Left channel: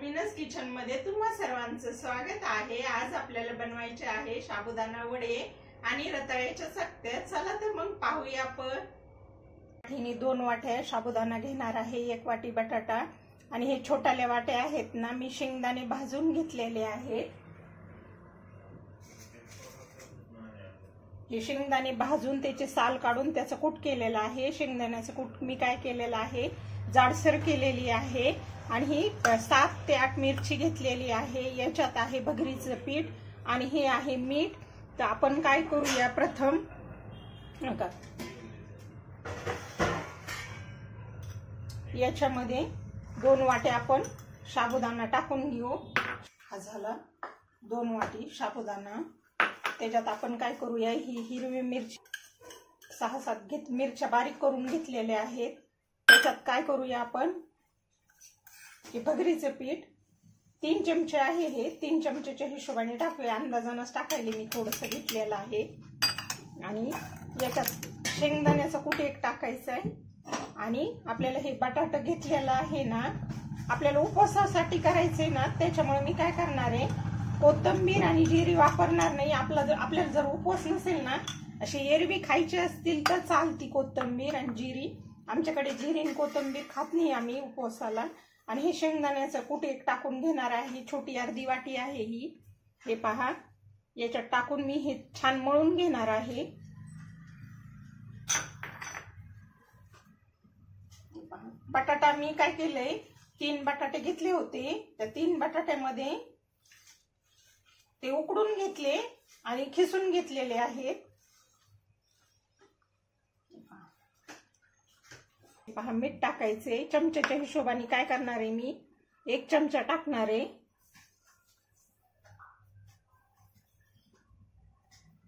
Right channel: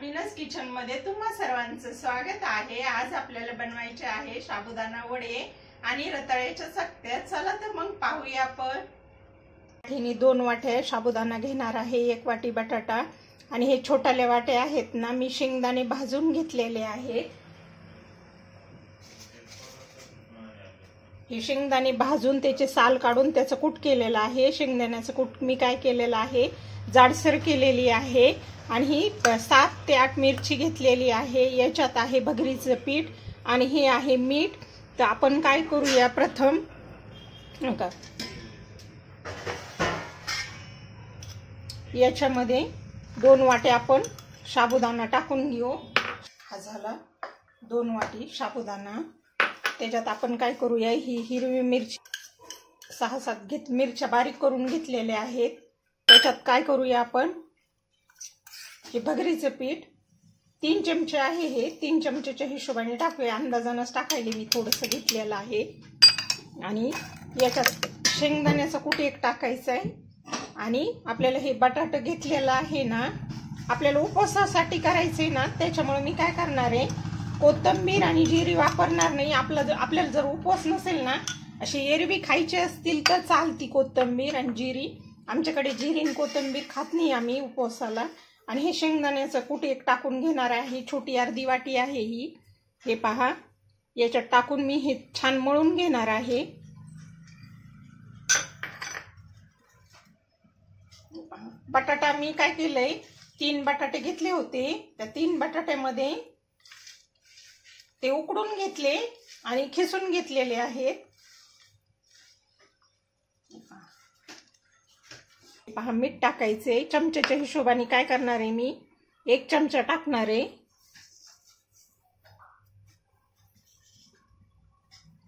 मीनस kitchen मध्ये तुम्हा सर्वांचं स्वागत आहे। आज आपल्याला बनवायचे आहे साबुदाणा वडे आणि रताळ्याच्या चकत्या। चला तर मग पाहूया आपण। मी 2 वाट्या साबुदाणा घेणार आहे, 1 वाटी बटाटा आणि हे छोट्याले वाटे आहेत ना, मी शेंगदाणे भाजून घेतलेले आहेत। हे शेंगदाणे भाजून त्याचे साल काढून त्याचं कूट केलेलं आहे। शेंगदाण्याचं कूट मी काय केलेलं आहे, जाडसर केलेली आहे आणि ही 7 ते 8 मिरची घेतलेली आहे। याच्यात आहे भगरीचं पीठ आणि हे आहे मीठ। तर आपण काय करूया, प्रथम याच्यामध्ये 2 वाटे आपण साबुदाणा टाकून घेऊ। हा झाला 2 वाटी साबुदाणा। त्याच्यात आपण काय करूया, ही हिरवी मिरची 6-7 मिरच्या बारीक करून घेतलेल्या आहेत। त्याच्यात काय करूया आपण, हे भगरीचं पीठ 3 चमचे आहे, हे 3 चमचेच्या हिशोबाने टाकूया। अंदाजानच टाकायला मी थोडंसं घेतलेलं आहे। आणि याच्यात शेंगदाण्याचं कूट एक टाकायचं आहे आणि आपल्याला हे बटाटा घेतलेला आहे ना, आपल्याला उपवासासाठी करायचे ना, त्याच्यामुळे मी काय करणार आहे, कोथिंबीर आणि जिरी वापरणार नाही। आपल्याला जर उपवास नसेल ना, अशी एरवी खायची असतील तर चालती कोथिंबीर आणि जिरी। आमच्याकडे जिरी आणि कोथिंबीर खात नाही आम्ही उपवासाला। आणि हे शेंगदाण्याचं कूट एक टाकून घेणार आहे, छोटी अर्धी वाटी आहे ही। हे पहा, याच्यात टाकून मी हे छान मळून घेणार आहे। बटाटा मी काय केलंय, 3 बटाटे घेतले होते, त्या 3 बटाट्यामध्ये ते उकडून घेतले आणि खिसून घेतलेले आहेत। पहा, मीठ टाकायचे चमच्याच्या हिशोबाने। काय करणार आहे, मी 1 चमचा टाकणार आहे।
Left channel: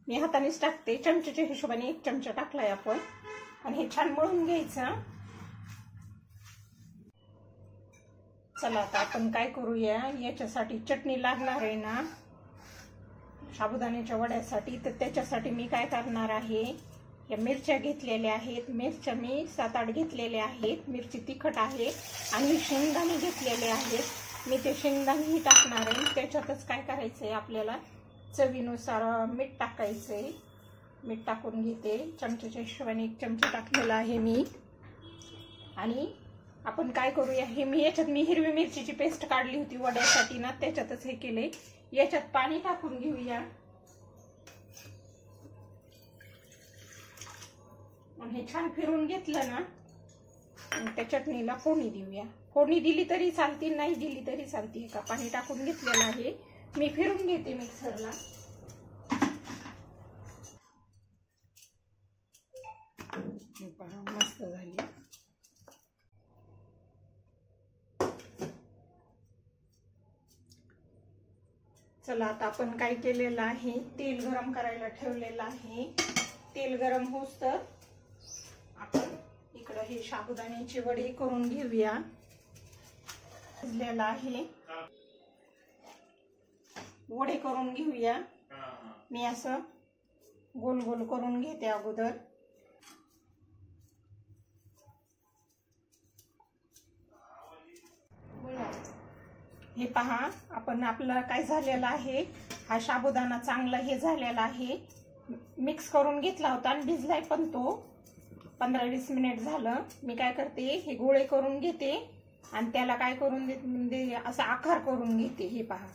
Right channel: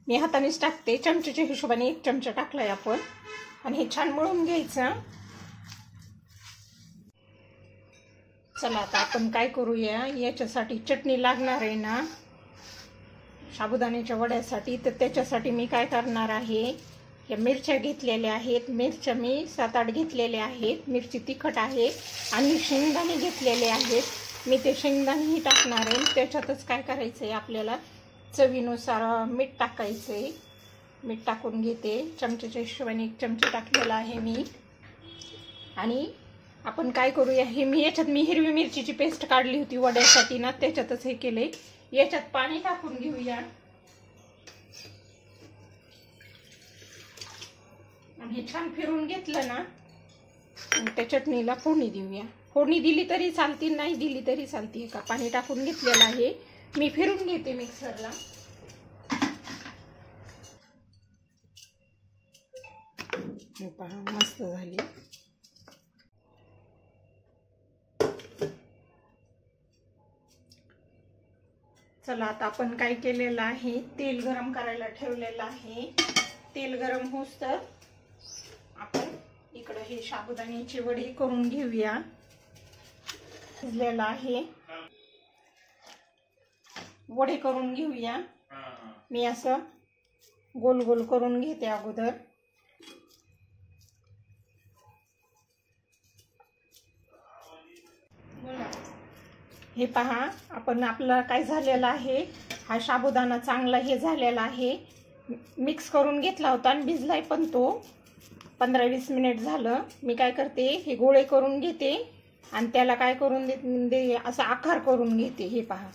मी हातानेच टाकते, चमच्याच्या हिशोबाने 1 चमचा टाकलाय आपण। आणि हे छान मळून घ्यायचं। चला आता आपण काय करूया, याच्यासाठी चटणी लागणार आहे ना साबुदाण्याच्या वड्यासाठी। तर त्याच्यासाठी मी काय करणार आहे, या मिरच्या घेतलेल्या आहेत। मिरच्या मी 7-8 घेतलेल्या आहेत, मिरची तिखट आहे। आणि शेंगदाणे घेतलेले आहेत, मी ते शेंगदाणेही टाकणार आहे। त्याच्यातच काय करायचंय, आपल्याला चवीनुसार मीठ टाकायचंय। मीठ टाकून घेते, चमच्याच्या हिशोबाने 1 चमचा टाकलेला आहे मी। आणि आपण काय करूया, हे याच्यात मी हिरवी मिरचीची पेस्ट काढली होती वड्यासाठी ना, त्याच्यातच हे केले। याच्यात पाणी टाकून घेऊया आणि हे छान फिरून घेतलं ना, त्या चटणीला फोडणी देऊया। फोडणी दिली तरी चालती, नाही दिली तरी चालती। का पाणी टाकून घेतलेलं आहे, मी फिरून घेते मिक्सरला। पहा, मस्त झाली। चला आता आपण काय केलेलं आहे, तेल गरम करायला ठेवलेलं आहे। तेल गरम होस तर आपण इकडे हे साबुदाण्याची वडी करून घेऊया। शिजलेला आहे, वडे करून घेऊया। मी असं गोल गोल करून घेते अगोदर। हे पहा, आपण आपला काय झालेला आहे, हा साबुदाणा चांगला हे झालेला आहे। मिक्स करून घेतला होता आणि भिजलाय पण तो। 15-20 मिनिट झालं। मी काय करते, हे गोळे करून घेते आणि त्याला काय करून देते, असा आकार करून घेते। हे पहा,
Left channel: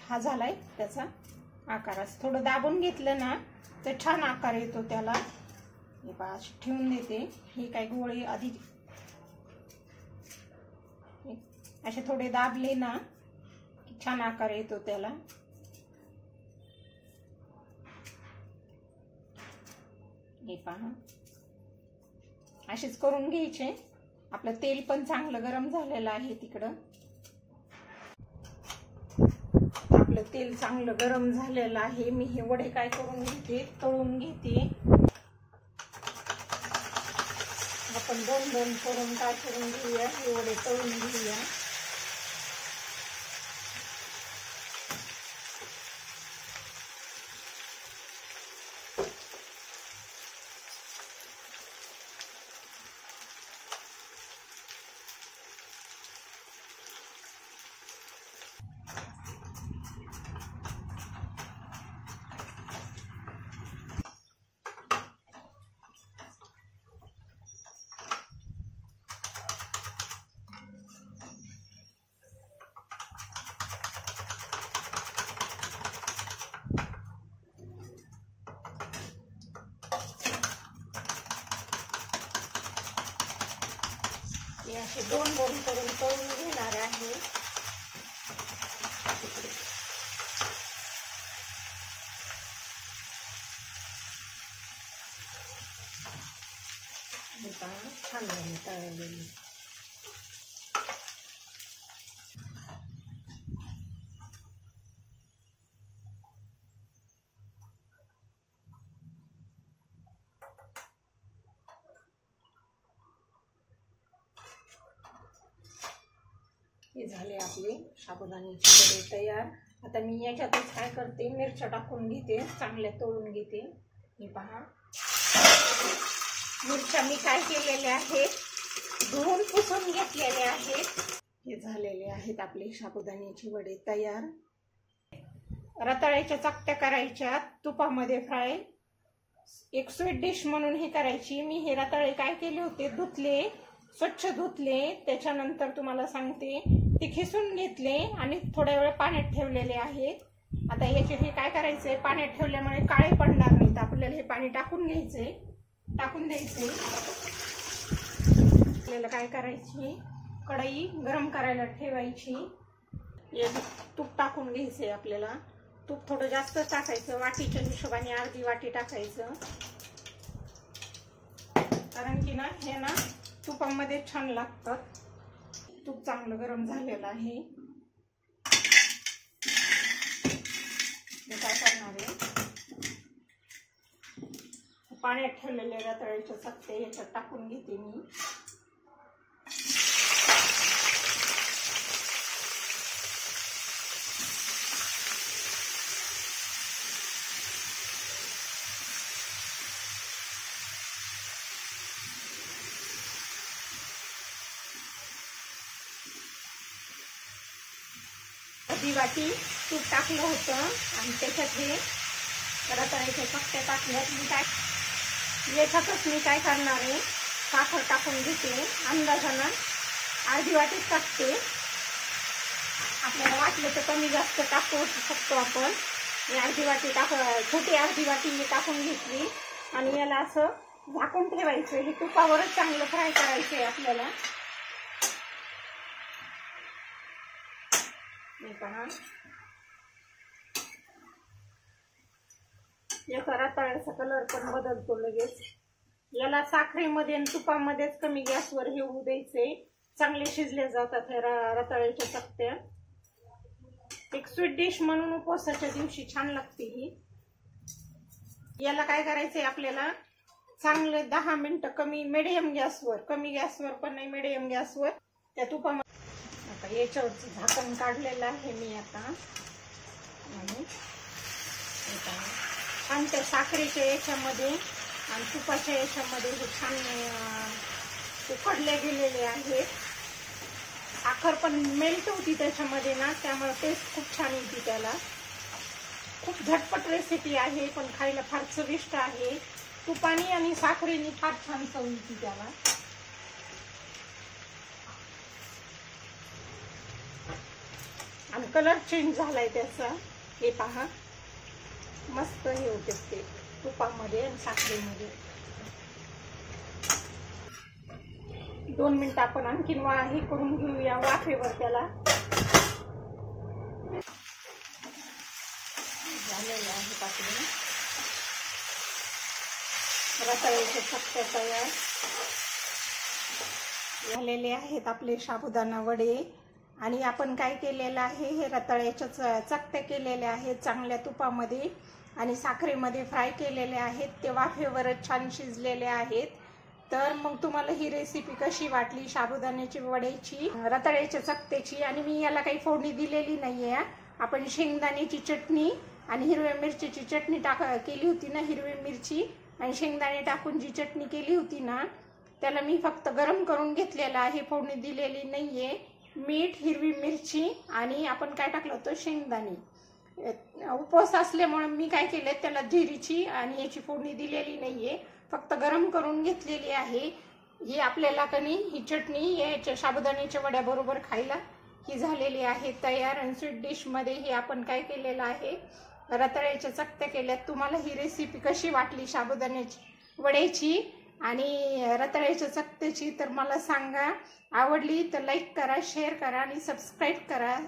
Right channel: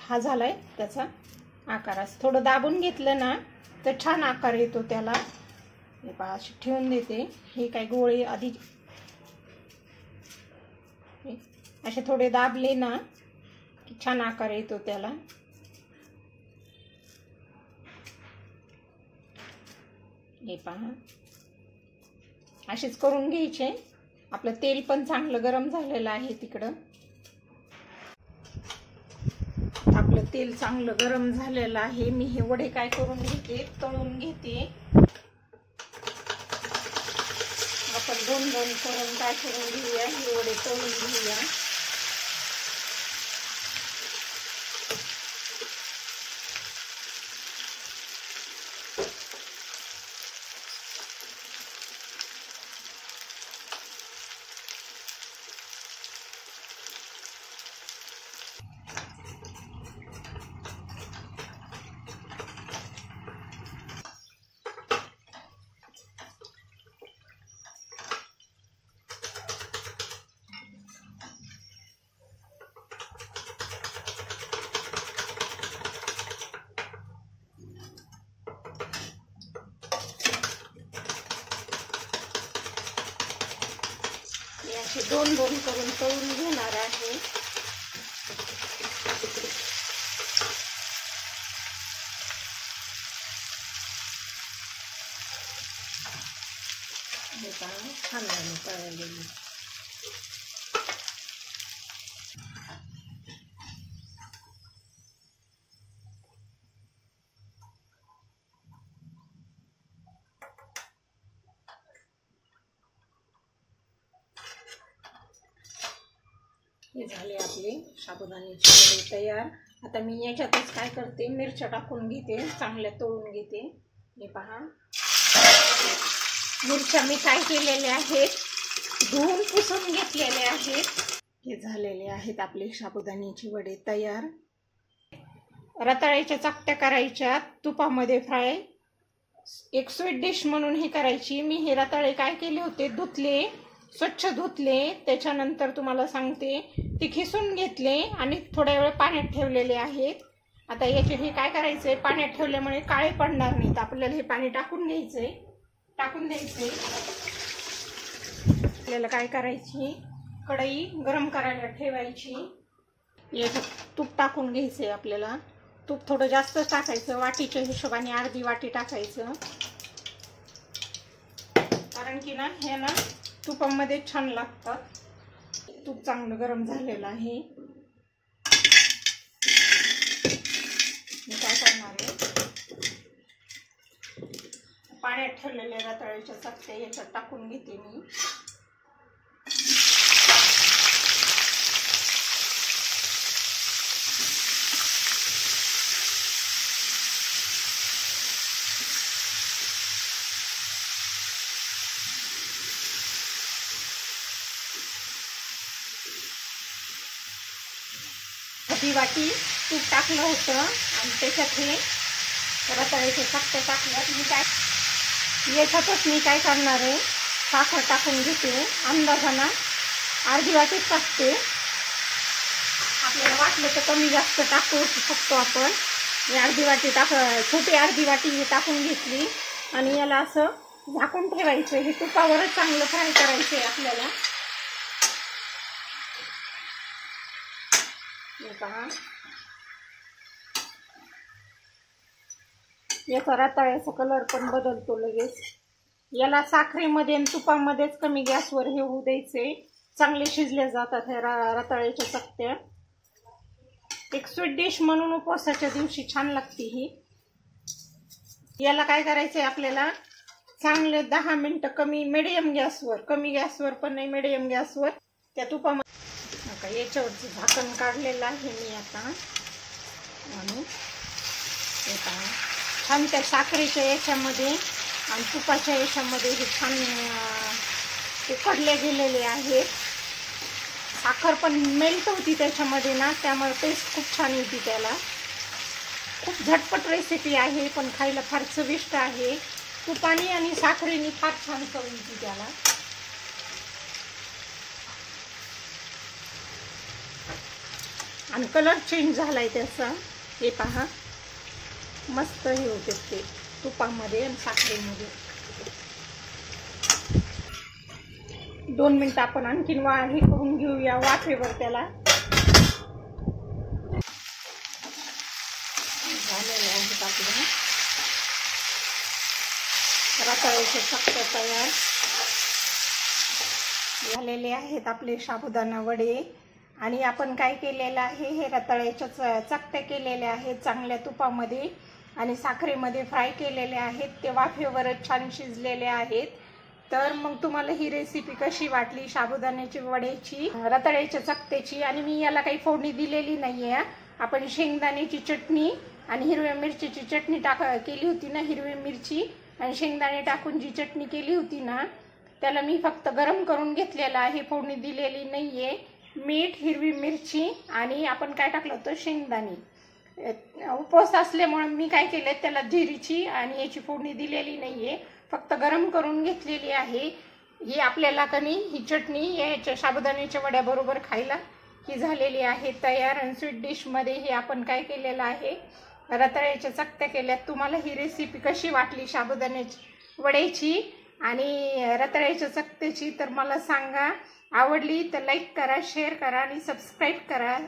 हा झालाय त्याचा आकार। असं थोडं दाबून घेतलं ना तर छान आकार येतो त्याला। हे पहा, अशी ठेवून देते। हे काय गोळे आधी असे थोडे दाबले ना की छान आकार येतो त्याला। हे पहा, असेच करून घ्यायचे। आपलं तेल पण चांगलं गरम झालेलं आहे तिकडं। आपलं तेल चांगलं गरम झालेलं आहे। मी हे वडे काय करून घेते, तळून घेते। आपण 2-2 करून काय करून घेऊया, हे वडे तळून घेऊया। असे दोन दोन करून तळून घेणार आहे. छान झाले तळलेली. हे झाले आपले साबुदाण्याचे वडे तयार. आता मी याच्यातच काय करते, मिरच्या टाकून घेते, चांगल्या तळून घेते. हे पहा, मिरच्या मी काय केलेल्या आहेत, धुवून पुसून घेतलेले आहेत. हे झालेले आहेत आपले साबुदाण्याचे वडे तयार. रताळ्याच्या चकत्या करायच्या, तुपामध्ये फ्राय. एक स्वीट डिश म्हणून ही करायची. मी हे रताळे काय केले होते, धुतले, स्वच्छ धुतले. त्याच्यानंतर तुम्हाला सांगते, ते खिसून घेतले आणि थोड्या वेळ पाण्यात ठेवलेले आहेत. आता याचे हे काय करायचंय, पाण्यात ठेवल्यामुळे काळे पडणार नाहीत. आपल्याला हे पाणी टाकून घ्यायचंय, टाकून द्यायचंय. आपल्याला काय करायची, कढई गरम करायला ठेवायची. याच्यात तूप टाकून घ्यायचंय. आपल्याला तूप थोडं जास्त टाकायचं, वाटीच्या हिशोबाने अर्धी वाटी टाकायचं. कारण की ना हे ना तुपामध्ये छान लागतात. तूप चांगलं गरम झालेलं आहे. मी काय करणार आहे, पाण्यात ठेवलेल्या रताळ्याच्या चकत्या याच्यात टाकून घेते मी. अर्धी वाटी तूप टाकलं होतं आणि त्याच्यात हे रताळ्याच्या चकत्या टाकल्यात. मी काय याच्यातच मी काय करणार आहे, साखर टाकून घेते. अंदाजानं अर्धी वाटीच टाकते. आपल्याला वाटलं तर कमी जास्त टाकू शकतो आपण. अर्धी वाटी छोटी अर्धी वाटी मी टाकून घेतली आणि याला असं झाकून ठेवायचं. हे तुपावरच चांगलं फ्राय करायचं आहे आपल्याला. पहा, याचा रताळ्याचा कलर पण बदलतो लगेच. याला साखरेमध्ये आणि तुपामध्येच कमी गॅसवर हे होऊ द्यायचे. चांगले शिजले जातात हे रताळ्याच्या चकत्या. एक स्वीट डिश म्हणून उपवासाच्या दिवशी छान लागते ही. याला काय करायचंय, आपल्याला चांगले 10 मिनिटं कमी मिडियम गॅसवर, कमी गॅसवर पण नाही, मिडियम गॅसवर त्या तुपामध्ये. याच्यावरचं झाकण काढलेलं आहे मी आता. छान त्या साखरेच्या याच्यामध्ये आणि तुपाच्या याच्यामध्ये हे छान उकडले गेलेले आहेत. साखर पण मेल्ट होती त्याच्यामध्ये ना, त्यामुळे टेस्ट खूप छान येते त्याला. खूप झटपट रेसिपी आहे, पण खायला फार चविष्ट आहे. तुपानी आणि साखरेने फार छान चव येते त्याला. आणि कलर चेंज झालाय त्याचा. हे पहा, मस्त हे होते ते तुपामध्ये आणि साखरेमध्ये. 2 मिनिटं आपण आणखीन हे करून घेऊया वाफेवर त्याला. झालेलं आहे आपलं रताळ्याचे चकत्या तयार झालेले आहेत आपले साबुदाणा वडे. आणि आपण काय केलेलं आहे, हे रताळ्याच्या चकत्या केलेल्या आहेत चांगल्या तुपामध्ये आणि साखरेमध्ये फ्राय केलेले आहेत. ते वाफेवरच छान शिजलेले आहेत. तर मग तुम्हाला ही रेसिपी कशी वाटली साबुदाण्याची वड्याची, रताळ्याच्या चकत्याची? आणि मी याला काही फोडणी दिलेली नाहीये. आपण शेंगदाण्याची चटणी आणि हिरव्या मिरचीची चटणी केली होती ना, हिरवी मिरची आणि शेंगदाणे टाकून जी चटणी केली होती ना, त्याला मी फक्त गरम करून घेतलेला आहे, फोडणी दिलेली नाहीये. मीठ, हिरवी मिरची आणि आपण काय टाकलं होतं, शेंगदाणे. उपवास असल्यामुळे मी काय केलं, त्याला जिरीची आणि याची फोडणी दिलेली नाहीये, फक्त गरम करून घेतलेली आहे. ही आपल्याला कणी ही चटणी याच्या साबुदाण्याच्या वड्याबरोबर खायला ही झालेली आहे तयार. आणि स्वीट डिशमध्ये हे आपण काय केलेलं आहे, रताळ्याच्या चकत्या केल्यात. तुम्हाला ही रेसिपी कशी वाटली साबुदाण्याची वड्याची आणि रताळ्याच्या चकत्याची तर मला सांगा. आवडली तर लाईक करा, शेअर करा आणि सबस्क्राईब करा.